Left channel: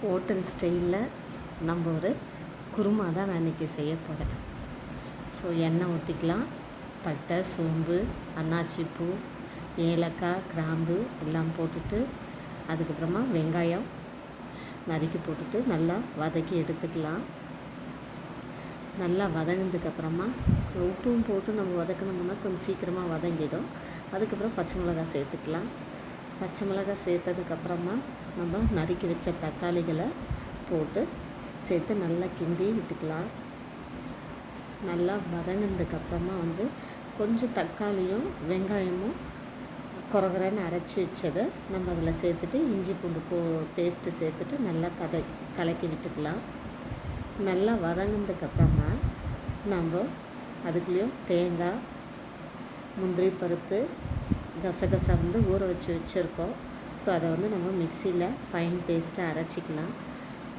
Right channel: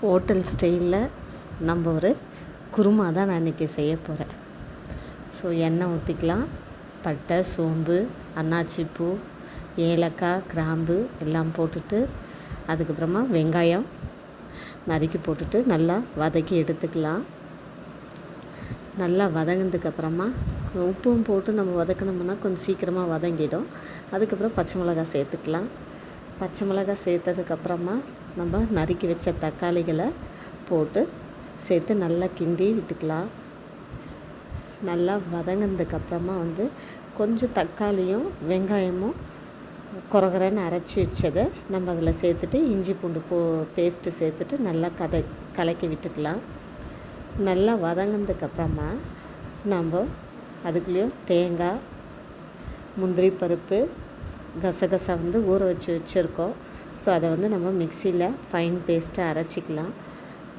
Hotel ஸ்டைலில் நம்ம ஒரு குருமா தான் நான் இன்றைக்கி செய்ய போகிறேன் ஸோ எண்ணெய் ஊற்றிக்கலாம் பட்டை சோம்பு அன்னாச்சிப்பூ ஏலக்காய் கிராம்பு எல்லாம் போட்டுட்டு அதுக்கப்புறமா வெங்காயம் நறுக்கி போட்டுட்டு நல்லா வதக்கி எடுத்துக்கலாம். நல்லா வதங்கினதுக்கப்புறமா உப்பும் போட்டு நம்ம வதக்கினோம்னா கொஞ்சம் சீக்கிரமாக வதங்கிடும். அதுக்கப்புறம் பச்சை மிளகாய் சேர்த்துக்கலாம். பச்சை மிளகாய் சேர்த்ததுக்கப்புறமா நம்ம நறுக்கி வச்ச தக்காளிகளை போட்டு சேர்த்து நல்லா கிண்டி விட்டுக்கலாம். நல்லா வதங்கினதுக்கப்புறமா வந்து கொஞ்சம் தக்காளியும் வெங்காயமும் குறகுறன்னு அரைச்சி வச்சதை நம்ம அதில் சேர்த்துட்டு இஞ்சி பூண்டு போ பேஸ்ட்டு சேர்த்துட்டு நல்லா கதை கலக்கி விட்டுக்கலாம். நல்லா வதங்கினதுக்கப்புறமா நம்ம அதுக்குள்ளேயும் தேங்காய் முந்திரி பருப்பு கசகசா வந்து ஊற வச்சு வச்சுருக்கோம். ஸோ அதை வந்து நம்ம மிக்சியில் ஃபைன் பேஸ்ட்டாக அரைச்சிக்கலாம்.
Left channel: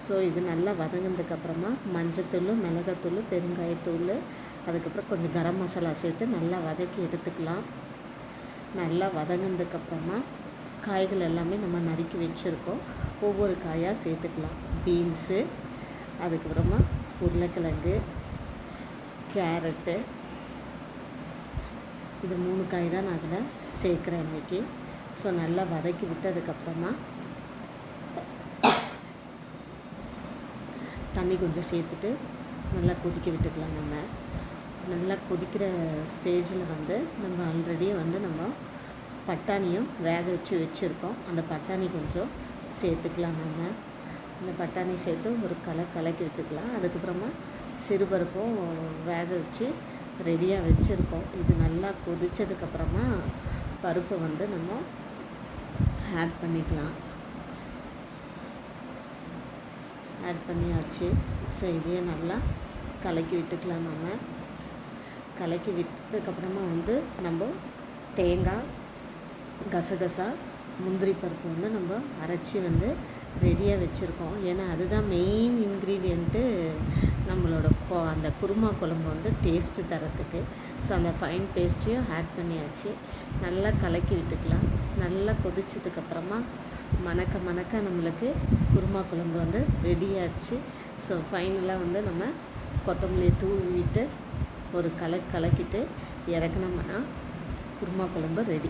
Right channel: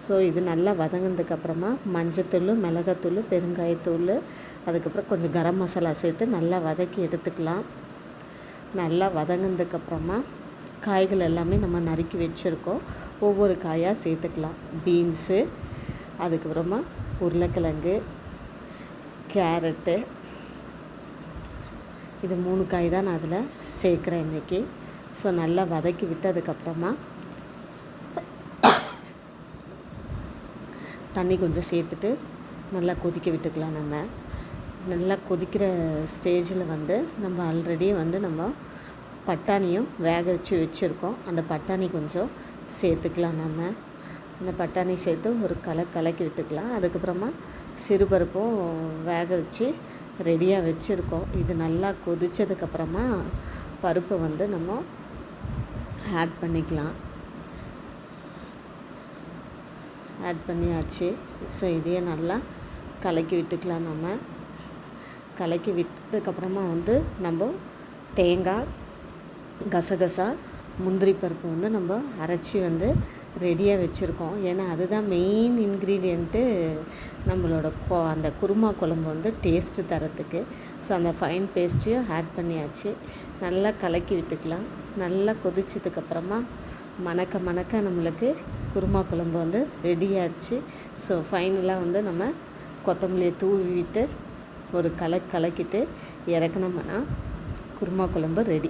ஸோ இது நல்லா வதங்கினதுக்கப்புறமா மஞ்சத்தூள் மிளகாத்தூள் பெருங்காயத்தூள் அதுக்கப்புறம் கொஞ்சம் கரம் மசாலா சேர்த்து நல்லா வதக்கி எடுத்துக்கலாம். நல்லா வதங்கினதுக்கப்புறமா காய்கள் எல்லாமே நம்ம நறுக்கி வச்சுருக்கோம். ஒவ்வொரு காயாக சேர்த்துக்கலாம். பீன்ஸு அதுக்கப்புறமா உருளைக்கிழங்கு கேரட்டு இது மூணு காய் தான் நான் அதில் சேர்க்குறேன் இன்றைக்கி ஸோ நல்லா வதக்கி விட்டதுக்கப்புறமா தண்ணி கொஞ்சம் சேர்த்துட்டு நல்லா கொதிக்க விட்டுக்கலாம் நம்ம. நல்லா கொதிக்கிற ஸ்டேஜில் வந்து நம்ம ஆல்ரெடி வந்து நம்ம பட்டாணியும் வேக வச்சு வச்சுருக்கோம். அந்த பட்டாணி கொஞ்சம் சேர்த்துக்கலாம் நம்ம. அந்த பட்டாணி சேர்த்து ஒரு கலை கலக்கி விட்டுக்கலாம். அதுக்கப்புறமா சிறுபருப்பும் வேக வச்சு ரெடியாக வச்சுருக்கோம். இது நல்லா கொதித்ததுக்கப்புறமா பருப்பை வந்து நம்ம ஆட் பண்ணிக்கலாம். ஆட் பண்ணியாச்சு. ஸோ இதையே நல்லா கலக்கி விட்டுக்கலாம் நம்ம. கலக்கி விட்டதுக்கப்புறமா வந்து நம்ம தேங்காய் கசகசா முந்திரி பருப்பு வந்து நம்ம அரைச்சி வந்து ரெடியாக வச்சுருக்கோம். ஏன்னா அதுதான் மெயின் இன்க்ரீடியண்ட்டு நம்மளோட கொ அந்த குருமா குழம்பு வந்து டேஸ்ட்டு தரத்துக்கு. ஸோ அந்த ஃபைன் பேஸ்ட்டையும் ஆட் பண்ணியாச்சு. நல்லா கலக்கி விட்டுக்கலாம். நல்லா கொதிச்சதுக்கப்புறமா மணக்க மணக்க நம்மளுக்கு குருமா குழம்பு வந்து ரெடி ஆகிடுச்சு ஸோ ஃபைனலாக வந்து நம்ம கொத்தமல்லியை தூவிட்டு ஒரு கலக்கு கலக்கிட்டு இறக்குனோம்னா குருமா குழம்பு ரெடி